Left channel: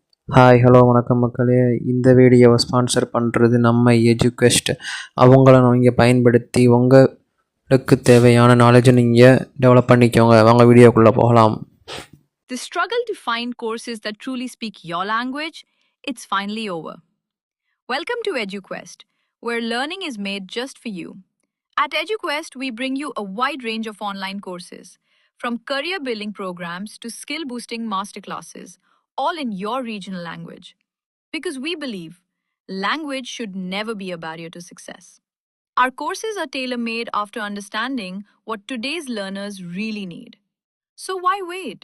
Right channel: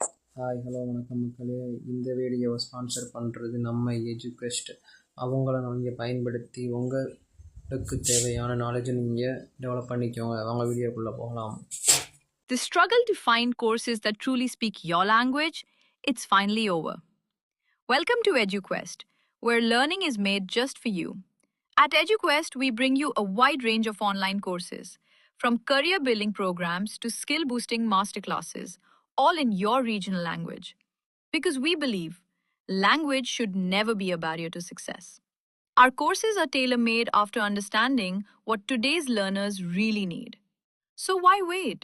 Hi hello வணக்கம் மக்களே. இந்த வீடியோவை ஸ்பான்சர் பண்ணுறது நம்ம எஜுகெஸ்ட். அவங்கள நீங்கள் பயன்படுத்தி உங்களுக்கு தேவையான நாலேஜை நீங்கள் டெவலப் பண்ணிக்கோங்க. வாங்க வீடியோக்குள்ளே போகலாம். The struggle to find courses that truly speak your language, it's finally over. Welcome to EduQuest, where learning is made just for you. At EduQuest, we bring you a wide range of online courses, from career building programs to skill boosting masterclasses, all in your regional language. Because we believe language should never be a barrier to success. Our courses are tailor made after understanding what today's learners really need. So why wait?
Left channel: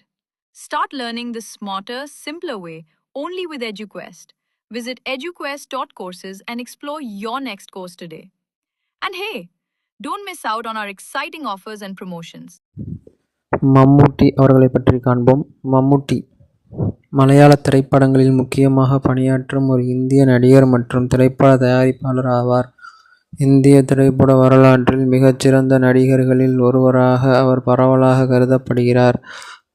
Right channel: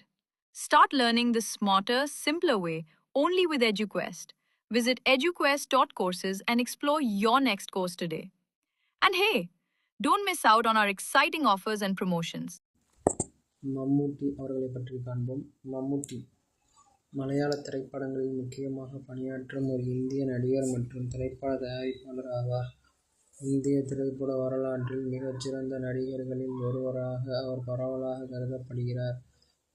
Start learning the smarter, simpler way only with EduQuest. Visit eduquest.courses and explore your next course today. And hey, don't miss out on our exciting offers and promotions. மம்முட்டி அவர்களை பற்றி காண்போம். மம்முட்டி மலையாள திரைப்படங்களில் முக்கியமாக பணியாற்றும் ஒரு இந்திய நடிகர் மற்றும் திரைப்பட தயாரிப்பாளர் ஆவார். இந்திய திரைப்பட வரலாற்றில் மிகச்சிறந்த நடிகர்களில் ஒருவராக அவர் பரவலாக கருதப்படுகிறார்.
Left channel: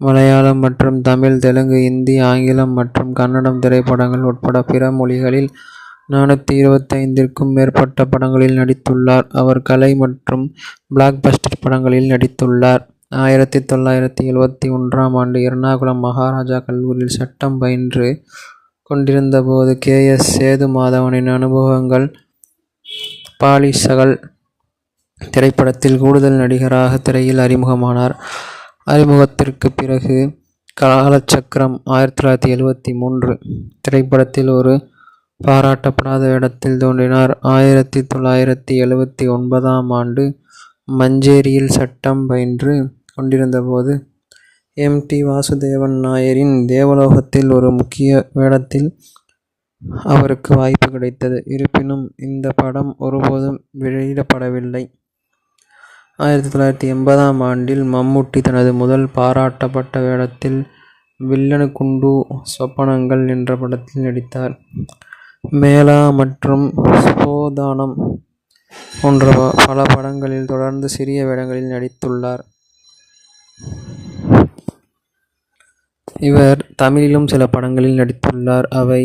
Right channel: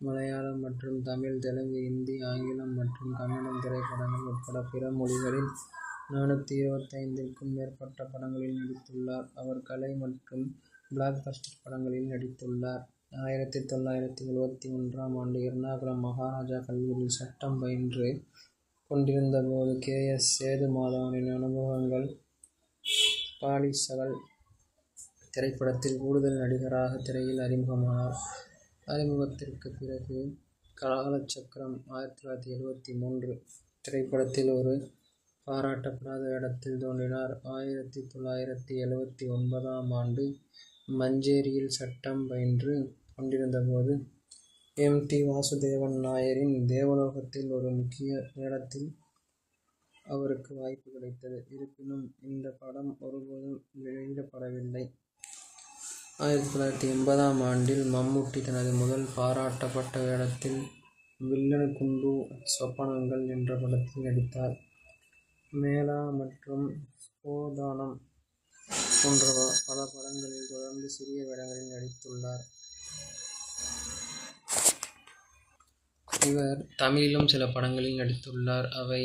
மலையாளம் மற்றும் தமிழ், தெலுங்கு, இந்தி, ஆங்கிலம் மற்றும் கன்னடம் திரைப்படங்கள் உட்பட பிற மொழிகளில் 425க்கும் மேற்பட்ட படங்களில் நடித்துள்ளார். அவர் கலை மற்றும் பிளாக்பஸ்டர் படங்களில் நடித்துள்ளார். 1971ஆம் ஆண்டு எர்ணாகுளம் மகாராஜா கல்லூரியில் சட்டம் பயின்று கொண்டிருந்தபோது கே.எஸ். சேதுமாதவனின் அனுபவங்கள் பாலிசகல் திரைப்படத்தில் கூடுதல் நடிகராக திரையில் அறிமுகமானார். அறிமுகத்திற்கு பிறகு காலச்சக்கரம் 1973 திரைப்படத்தில் ஒரு பாராட்டப்படாத வேடத்தில் தோன்றினார். 1979ஆம் ஆண்டு மஞ்சேரியில் சட்டம் பயின்று கொண்டிருந்தபோது எம்.டி. வாசுதேவன் நாயரின் தேவலோகத்தில் ஒரு முக்கிய வேடத்தில் அவருக்கு வாய்ப்பு கிடைத்தது. இருப்பினும் இந்த படம் ஒருபோதும் வெளியிடப்படவில்லை. 1980ஆம் ஆண்டில் மம்முட்டி தனது முதல் பாராட்டப்பட்ட வேடத்தில் வில்லனுக்குண்டு சொப்பனங்கள் என்ற படத்தில் நடித்தார். மேளா மற்றும் ஸ்போதானம் போன்ற பல படங்களில் தொடர்ந்து சிறிய வேடங்களில் நடித்துள்ளார். இவர் தமிழிலும் சில படங்களில் நடித்துள்ளார். அவை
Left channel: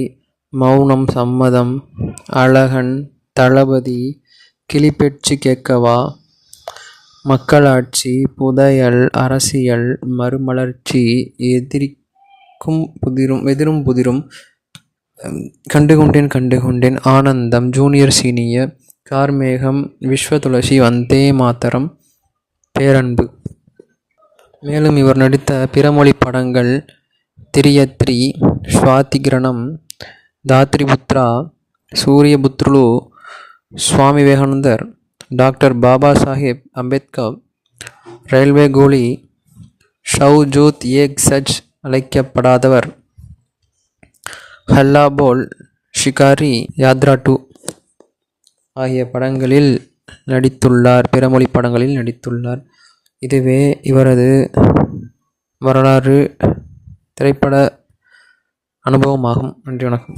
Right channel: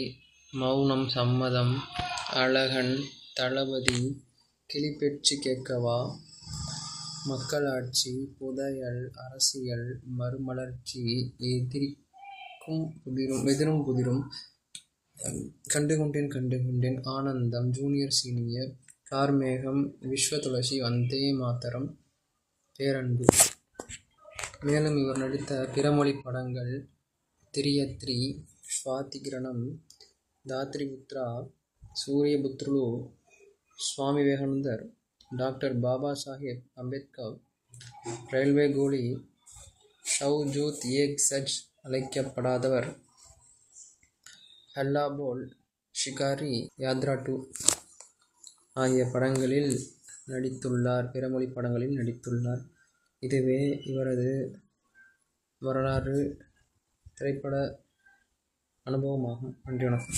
மௌனம் சம்மதம், அழகன், தளபதி, கிளிப்பேச்சு கேட்கவா, மக்களாட்சி, புதையல், அரசியல், மறுமலர்ச்சி, எதிரும் புதிரும், கண்டுகொண்டேன், ஆனந்தம், ஜூனியர் சீனியர், கார்மேகம், விஸ்வதுளசி, வந்தே மாதரம், பேரன்பு. மேலும் இவர் நடித்த பிறமொழி படங்கள் திரியத்ரி, ஸ்வாதிகிரணம், தாத்ரிபுத்ரா, சூரியபுத்ருலு, சுவாமி விவேகானந்தர், டாக்டர் பாபா சாஹேப் அம்பேத்கர், ரயில்வே கோலி, ஷவ்ஜூத் ஏக் சச் அழைக்கப்படாதவர், ஹல்லா போல், ஷிகாரி, யாத்ரா 2 ஆகிய படங்களில் நடித்துள்ளார். பிறமொழி படங்களில் நடித்துள்ளார். இதுவே இவரது வரலாறு திரைப்பட அனுபவமாகும். நன்றி, வணக்கம்.